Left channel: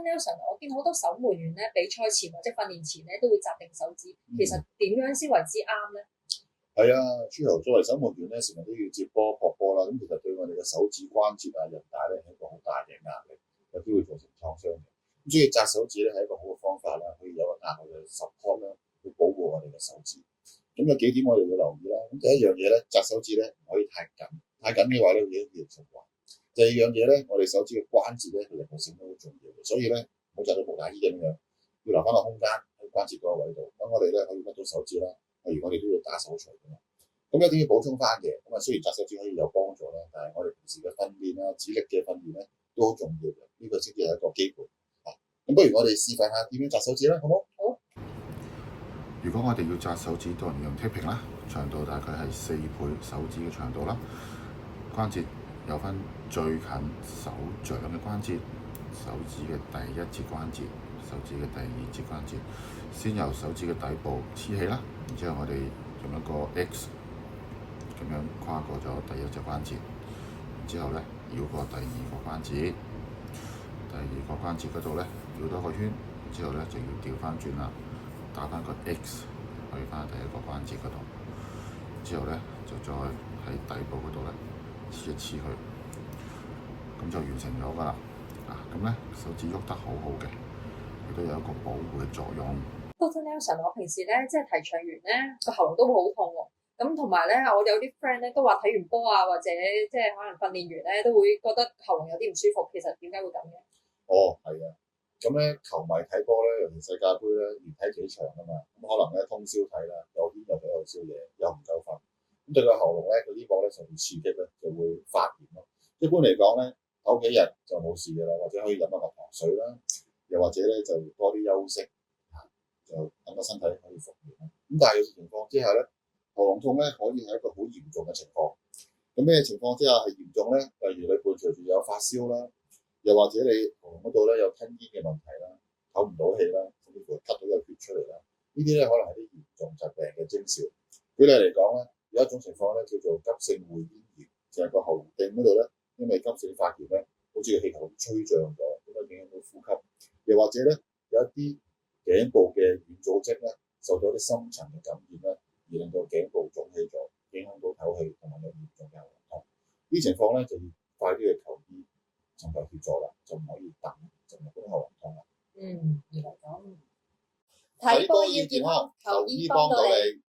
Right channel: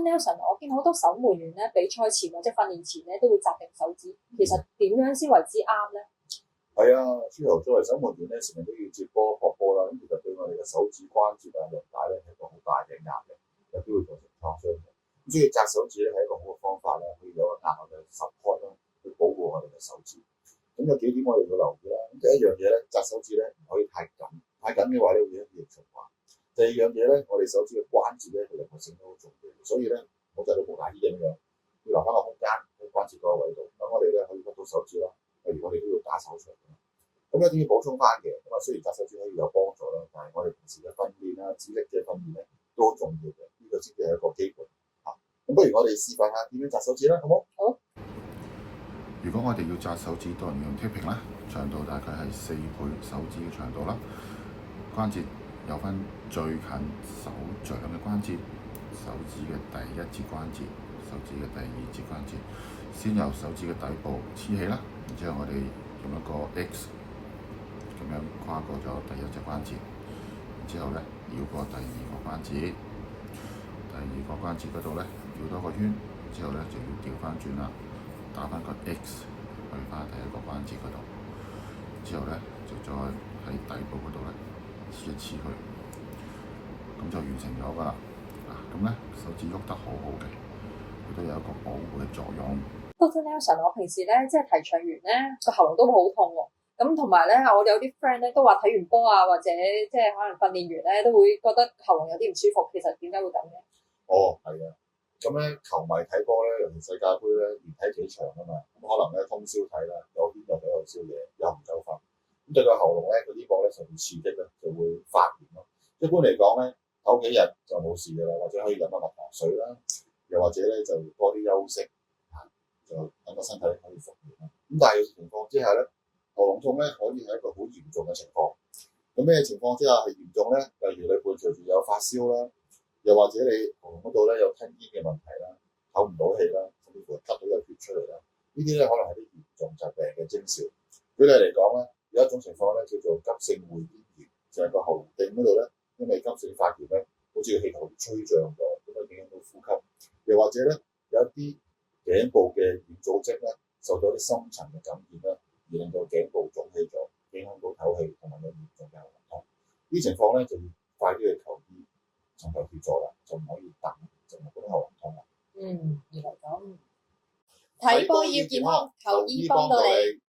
Nelson，我見好多守門員咧，比賽前或者訓練前咧都會紮定手指，其實點樣先為之啱咧？係啊，朱豪作為守門員咧，成日都要接波撲波啦，咁其實對我哋嘅手指關節啊、韌帶咧係一個好大嘅壓力，有機會造成創傷嘅。咁所以紮手指咧係一個好嘅方法啦，可以有個額外嘅 support 啦，去保護我哋嘅手指。咁有幾點我哋要留意啦。咁第一樣嘢咧，紮手指咧唔可以太緊，太緊嘅話咧會影響血液循環。第二樣嘢咧，我哋手指嘅關節咧，佢靈活性都好重要嘅，所以咧唔好紮到無打衣咁樣，要留翻個空間喺關節嗰個位度，等我哋咧可以屈到手指啦。例如我哋都要打手錘㗎嘛，咁有啲要補充翻嘅。咁啊，雖然紮手指可以有幫助啦，但係我哋平時嘅訓練啦、指力嘅訓練咧都好重要嘅，呢個先至係一個基本嚇。咁不如我哋示範下點樣紮手指啦，好冇？好。如果我哋要紮手指，當然用 taping 啦，長度大概係4倍手指嘅長度啦，關節有分最近手掌嘅關節、手指嘅第一節關節、手指嘅第二節關節，先由手指嘅底部黐起啦，然之後我哋用一個 X 咁樣跨過咗第一隻關節，然之後咧繞過第二個關節，第二個關節嗰度咧繞多個圈，之後咧就要調翻轉啦，打翻個 X 去翻第一個關節嗰度，之後咧就再喺底部嗰度咧黐一黐佢，咁就完成咗㗎啦。咁咧手指喐得好好嘅，亦都有一個保護嘅作用。Dr. Nelson，我平時咧即係提倡完咧個喉嚨都會好痛喎。咁同埋咧，我有啲 friend 咧都話睇完波啊，或者即係可能訓練完咧都會覺得喉嚨有啲唔舒服。其實點解會咁嘅？哦，係啊。咁咧球迷睇波咧，尤其世界盃咧，連睇幾場啊嘛，咁可能咧通宵睇啦，有邊又喺度宵夜，又唔夠瞓，咁對個喉嚨咧，佢呢個咧受到刺激咧，就會發炎咯。一般嚟講咧，唞幾日就冇事㗎啦，或者可以飲下蜜糖水啦，又或者咧就多啲休息，就等個身體可以復原啦。咁但係有情況之下咧，喉嚨痛咧可以係一個好嚴重嘅情況。咁咩情況之下係嚴重咧？例如你伴隨住有發燒啦。又或者你喉嚨嗰度咧有吞嚥嘅問題啦，唞唔到氣啦，甚至乎吸到有血出嚟啦，呢啲咧可能係啲嚴重疾病嘅徵兆。舉例嚟講咧，有一種情況咧叫做急性會咽炎，就係個喉嚨嗰度咧，因為急性發炎咧，好似個氣球吹脹咗，咁啊影響到呼吸。又或者咧有一啲頸部嘅軟組織咧受到啲深層嘅感染啦，而令到頸部腫起咗，影響到唞氣同埋有嚴重嘅喉嚨痛。呢情況咧就要快啲去求醫。尋求協助啦，就唔可以等，就唔好喉嚨痛啦。原來咁。睇波要健康，求醫幫到你。